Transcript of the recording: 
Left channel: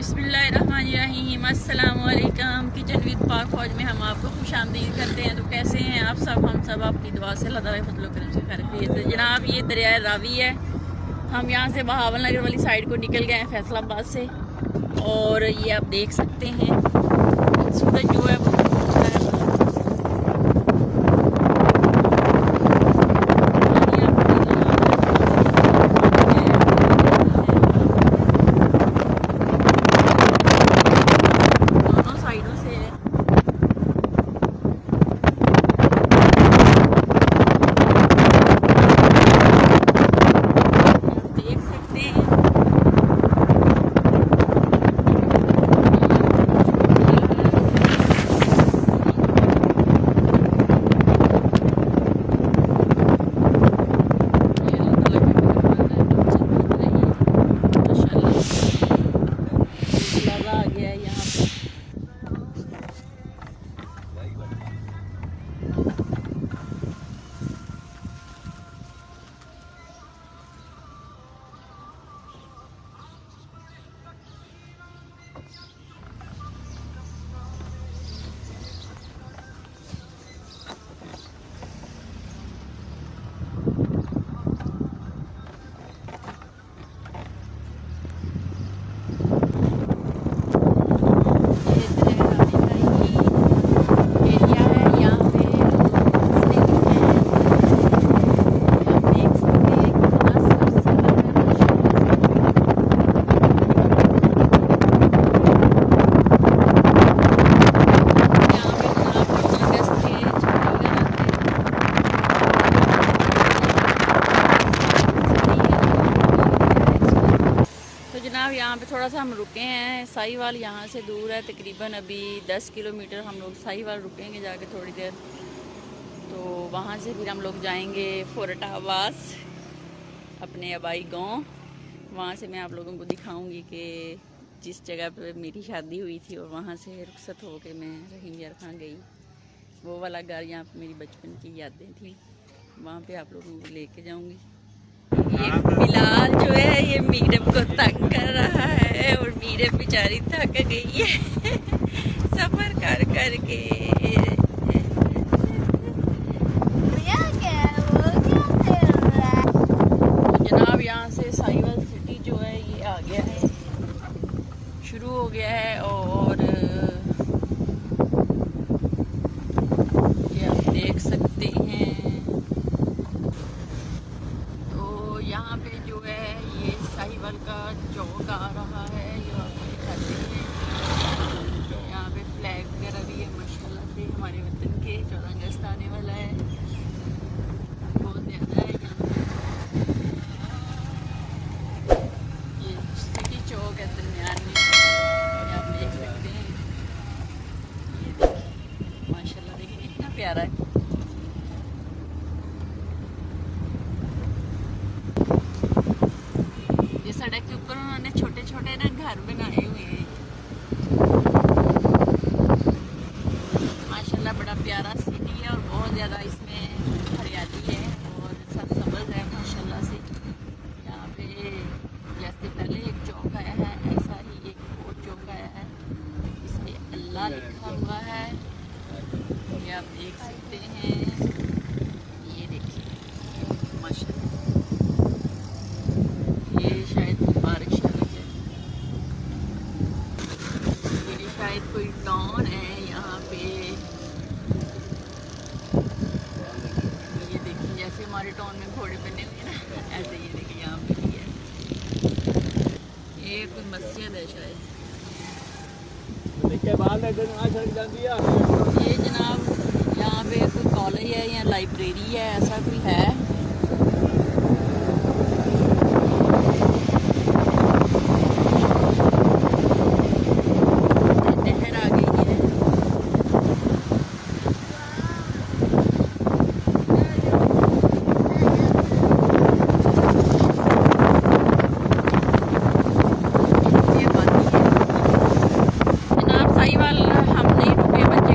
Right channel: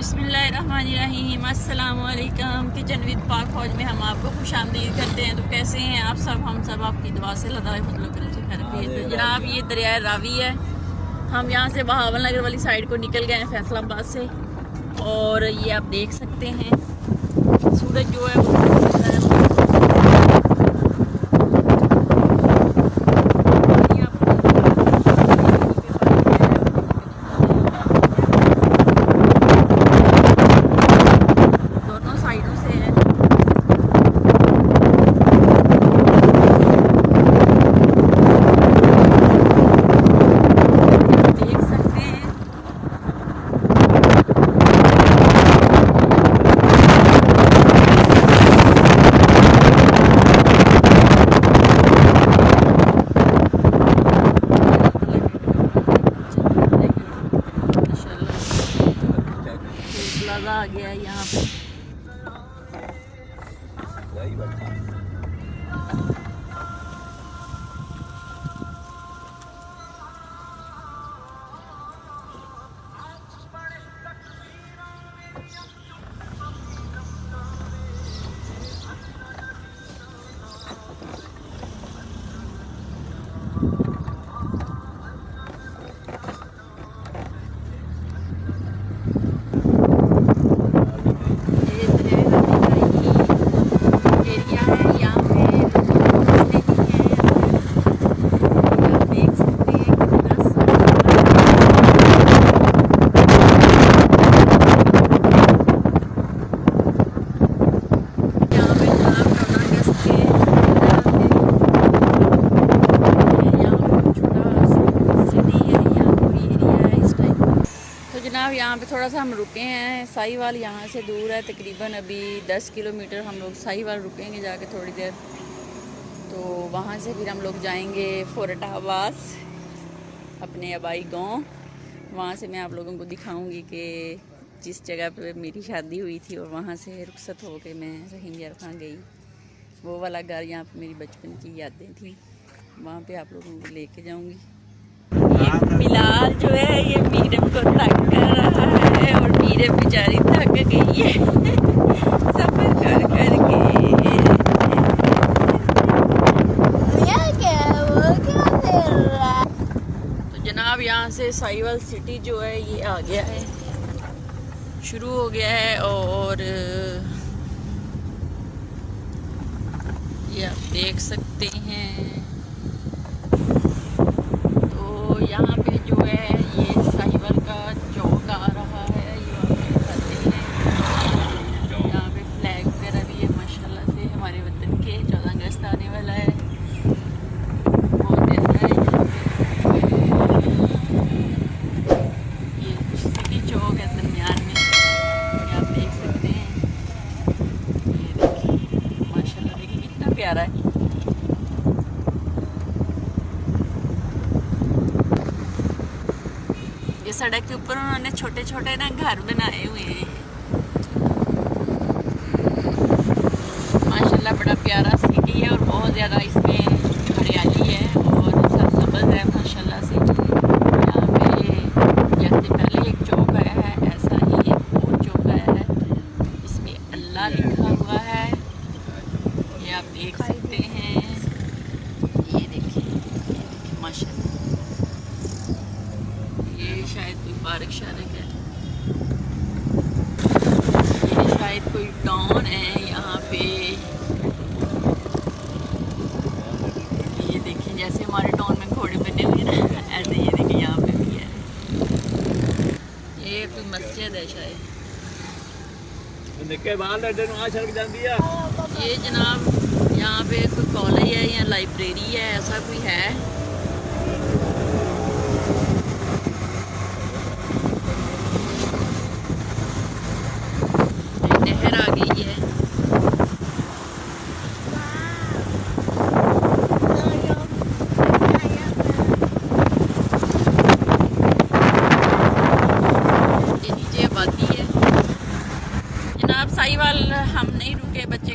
बिस्मिल्लाहिर्रहमानिर्रहीम, अस्सलाम वालेकुम। किचन विद पाक फौज में हम आपको खुश आमदीद करते हैं। तो कैसे हैं आप सब? हम सब आपकी दुआ से अल्लाह ताला फजल करम से खैरियत है। जनाब, ये दरिया रावी है। हम यहाँ से बहावल नगर वाली साइड को निकल गए हैं फैसलाबाद से, और ये आप देख सकते हैं सूरज जो है यहाँ पे थोड़ा सा हम रुके हैं। साहिवाल यहाँ से दूर है, तकरीबन अभी 10 किलोमीटर हम लोग साहिवाल रुकेंगे जाके थोड़ी देर। तो वहाँ से फिर हम लोग जाएंगे फौरट आब्बास, अपने आबाई गांव। वहाँ से मैं आप लोगों को दिखाऊंगी कि जिस जगह पे मेरी शादी हुई थी और वहाँ से रुखसत हो के मैं रहीम गई, वो वाला घर यहाँ पे मेरी बचपन की यादें थी। वहाँ पे आप लोगों को लेके जाऊँगी। बिलाल जो है ये मीरम को तंग कर रहा है, और मीरम बेचारी थक गई है सफर कर करके। तो जनाब, यहाँ से साहिवाल सिटी जो है ये आ गया है, शुरू हो गया है। और ये आप देख सकते हैं। यहाँ पे जो है ये साहिवाल का चौक आ रहा है। यहाँ पे फ्लैग वगैरह भी है माशाल्लाह से हमारे वतन के। 14 अगस्त आने वाला है, बहुत प्यारा है। ये सिटी चौक है दरमियान में, ये आप देख सकते हैं। ये देखिए माशाल्लाह, देखिए कितना प्यारा है। सड़क के ऊपर उन्होंने छोटे छोटे ना घर बनाए हुए हैं माशाल्लाह। बड़ा प्यारा सिटी है और बहुत ज़्यादा इसमें हरियाली है और सरसब्ज़ है माशाल्लाह से। यहाँ पे जैसे पहले एक चौक आया है, ऐसा ही एक और चौक आया है, इसमें अल्लाह लिखा हुआ है। ये आप देख सकते हैं। ये देखिए माशाल्लाह, ये शायद मुबारक शादी है, ये शायद कोई टाउन है यहाँ पे। ये देखिए जैसे हमारे टाउन में घोड़े बने हुए ना, ऐसे ये देखिए यहाँ पे भी है। ये कोई मस्जिद है शायद। ये जनाब यहाँ पे कोई कॉलेज है या लाइब्रेरी है, ऐसा कोई है। साहिवाल हम नहीं रुके, बच्चे